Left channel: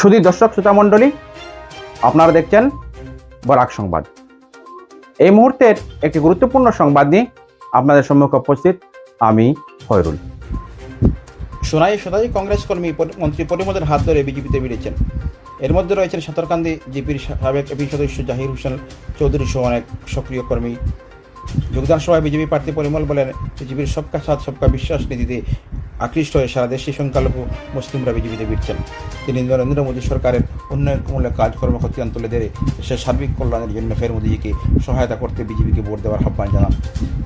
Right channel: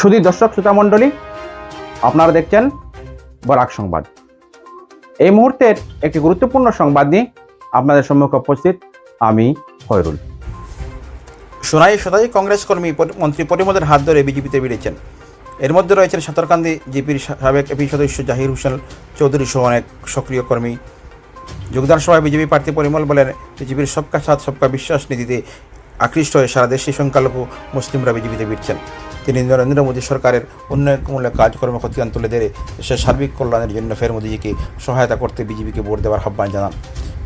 শুধু দর্শক, শ্রোতা মণ্ডলী, আপনারা দেখছেন বরাক সংবাদ। এই মুহূর্তের একটি গুরুত্বপূর্ণ সংবাদ নিয়ে আপনাদের সম্মুখে উপস্থিত আমি হয়রুল সোনাই সদাই কংগ্রেস কর্মী মন্ত্রী পরিমদের হাত ধরে বিজেপিতে বেরিয়েছেন এর মধ্যে রয়েছেন সাঁতারকান্দি জিপির সাবেক এপি সদস্য জাহির হোসেন চৌধুরী সহ অনেক সক্রিয় কর্মী। যোগদান সভায় বিজেপি প্রার্থী পরিমল বলেন, বিজেপির সবকা সাথ, সবকা বিশ্বাস নীতিতে আকৃষ্ট হয়ে সারা দেশে সংখ্যালঘু মুসলিমরা বিজেপিতে ফিরছেন তিনি নরেন্দ্র মোদী সরকারের উন্নয়নমূলক কাজকর্ম খতিয়ান তুলে ধরে দেশের সার্বিক কল্যাণের জন্য ফের মোদীজিকে সহায়তা করতে বিজেপিকে ভোট দেওয়ার আহ্বান জানান।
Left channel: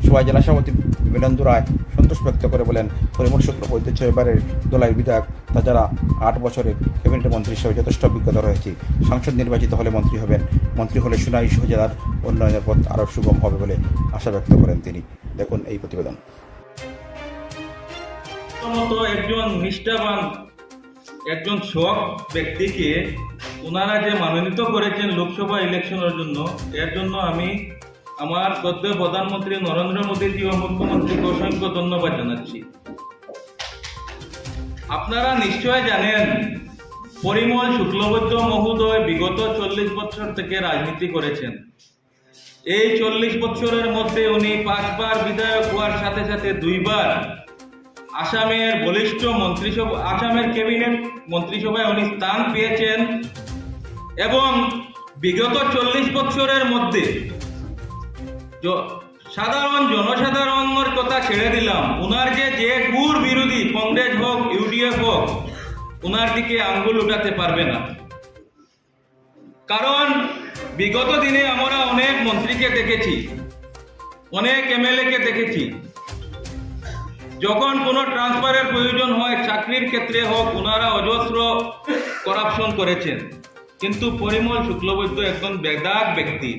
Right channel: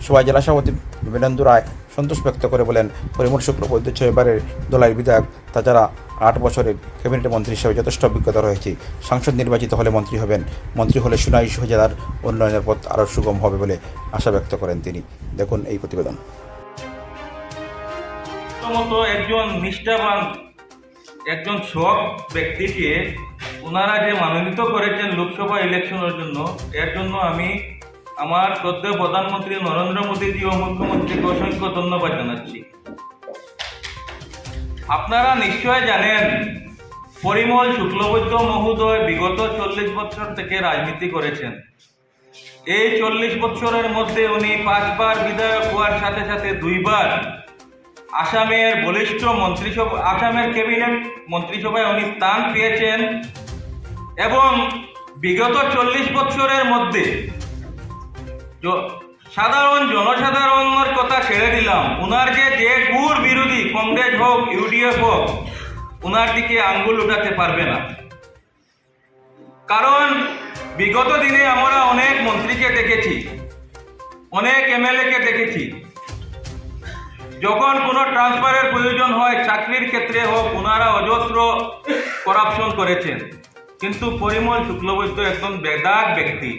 সভায় জেলা সভাপতি বিবেন্দু রায় সন্তোষ ব্যক্ত করে বলেন, পরিমল শুক্রবৈদ্য এবারের দলের বিধায়ক, তাছাড়া আট বছরের ক্যাবিনেট মন্ত্রী হিসেবে যথেষ্ট অভিজ্ঞতা রয়েছে। সাংসদ নির্বাচিত হলে মন্ত্রী হবেন। মন্ত্রী হলে সুনাই জেলার উন্নয়নের পথ আরও সুগম হবে বলে আশা ব্যক্ত করেন তিনি। দেখুন এই প্রতিবেদন। প্রথমত একজন নিষ্ঠাবান, একজন সৎ ব্যক্তিকে ওনারা যে মনোনীত করেছেন লোকসভা ইলেকশনের জন্য, এর জন্য আমি আমার সদ্য প্রধানমন্ত্রী নরেন্দ্র মোদীজি ও মুখ্যমন্ত্রীকে অসংখ্য ধন্যবাদ জানাচ্ছি। আপনারা নিশ্চয় জানেন, পরিমল শুক্লবৈদ্য মহোদয় বিগত চল্লিশ বছর থেকে রাজনীতি করেছেন। এই চল্লিশ বছরের মধ্যে উনি পাঁচবার বিধায়ক হওয়ার সাথে সাথে দুইবার আসামের বলিষ্ঠ মন্ত্রিসভা, আসামের ক্যাবিনেট মন্ত্রিসভায় উনি স্থান পেয়েছেন এবং বিগত চল্লিশ বছরের মধ্যে সাধারণ জনসাধারণের কথা ছেড়ে দিলাম। ওনার যে যে গুড় বিরোধী কংগ্রেস হোক, ইউডিএফ হোক ওনার দিকে আঙ্গুল উঠাতে পারবে না। কারণ বিগত দিনে আমরা অনেক মন্ত্রীকে দেখেছি, অনেক এমএলএকে দেখেছি। যখন কোনো ট্রান্সফারের প্রয়োজন হয়, চাকরির ক্ষেত্রে হোক ওনারা অজস্র করাপশন করেছেন। কিন্তু পরিমল শুক্লবৈদ্য একজন বেদাগ ব্যক্তি,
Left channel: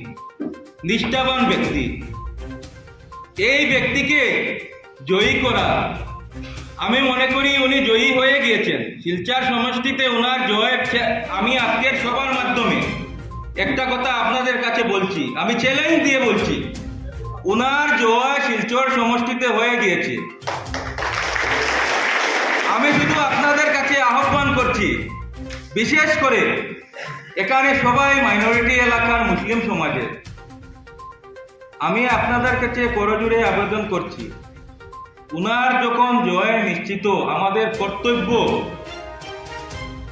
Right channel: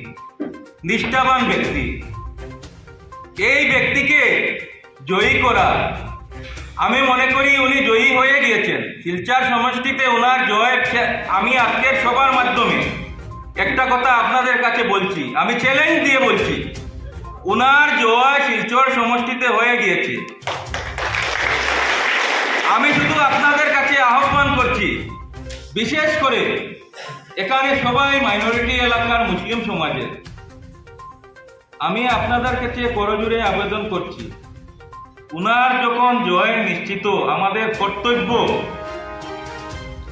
নিষ্ঠাবান ব্যক্তি। এই ব্যক্তিকে জয়ী করা, আমি মনে করি উনি জয়ী হয়ে গিয়েছেন। শিলচার সমষ্টিতে ওনার জয়ের আমি আজকের সবার মাধ্যমে একটা কথা আপনাদের কাছে বলছি, আমি চ্যালেঞ্জ দিয়ে বলছি। ওনার জয় শিলচর সমষ্টিতে হয়ে গিয়েছে। আমি শুধু আপনাদের কাছে আহ্বান করছি, বিশেষ করে এখানে সবাই মাইনরিটি এলাকার মুসলিম সমাজের, আমি আপনাদের কাছে করজুড়ে আবেদন করছি, উনার যখন জয় নিশ্চিত, আমাদের কর্তব্য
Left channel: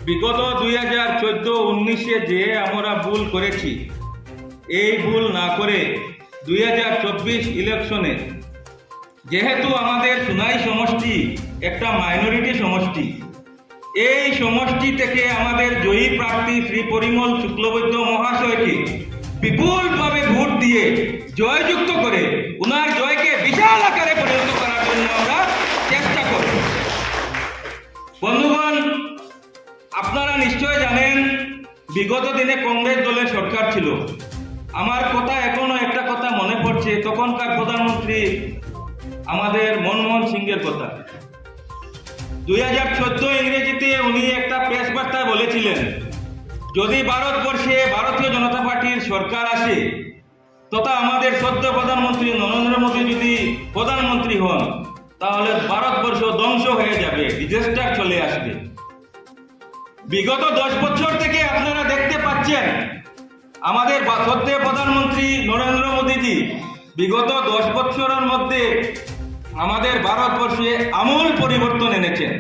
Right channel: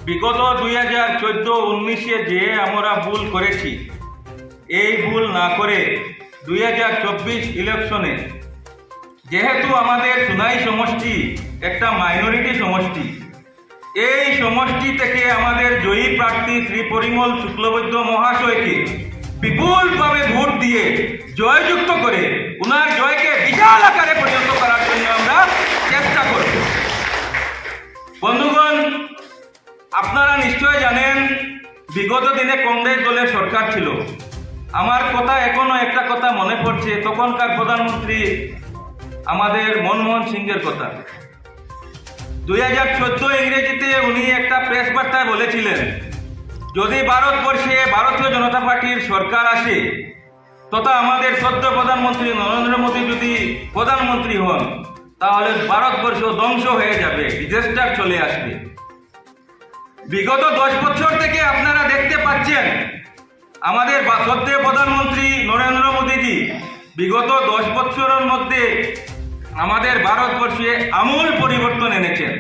বিগত দুই হাজার চোদ্দ উনিশে যে আমরা ভুল করেছি, এই ভুল না করে দুই হাজার চব্বিশ ইলেকশনে যেহেতু আমাদের সুনাই সমষ্টি, একটা মাইনরিটি সমষ্টি, এই সমষ্টি থেকে আমাদের জয়ী প্রার্থী শ্রী পরিমল শুক্লবৈদ্য মহাশয়কে বিপুলভাবে ভোট দিয়ে জয়যুক্ত করে উনার জয়কে বিশাল আকারে পরিণত করার জন্য আমরা চেষ্টা করব। বন্ধুগণ, আপনারা নিশ্চয় জানেন, বিগত দিনে কংগ্রেস দলের সরকার ছিল। আমার কথা এখনও একটা কথা মনে পড়ছে, তখনকার প্রধানমন্ত্রী আমাদের মনমোহন সিংয়ের কথা। দুই হাজার চোদ্দ ইংরেজিতে উনি একটা প্রেস বার্তায় বলেছিলেন, যদি ভারতবর্ষে ভারতীয় জনতা পার্টির সরকার আসে, তথা আমাদের সদ্য প্রধানমন্ত্রী নরেন্দ্র মোদী যদি প্রধানমন্ত্রী হন, তাহলে ভারতবর্ষ ধ্বংস হয়ে যাবে ডিজাস্টার চলে আসবে। বিগত দশ বছর থেকে আপনারা দেখতে পাচ্ছেন, আমাদের সদ্য প্রধানমন্ত্রী নরেন্দ্র মোদীজি বিগত দশ বছরের মধ্যে আমাদের ভারতবর্ষে আমূল পরিবর্তন এনেছেন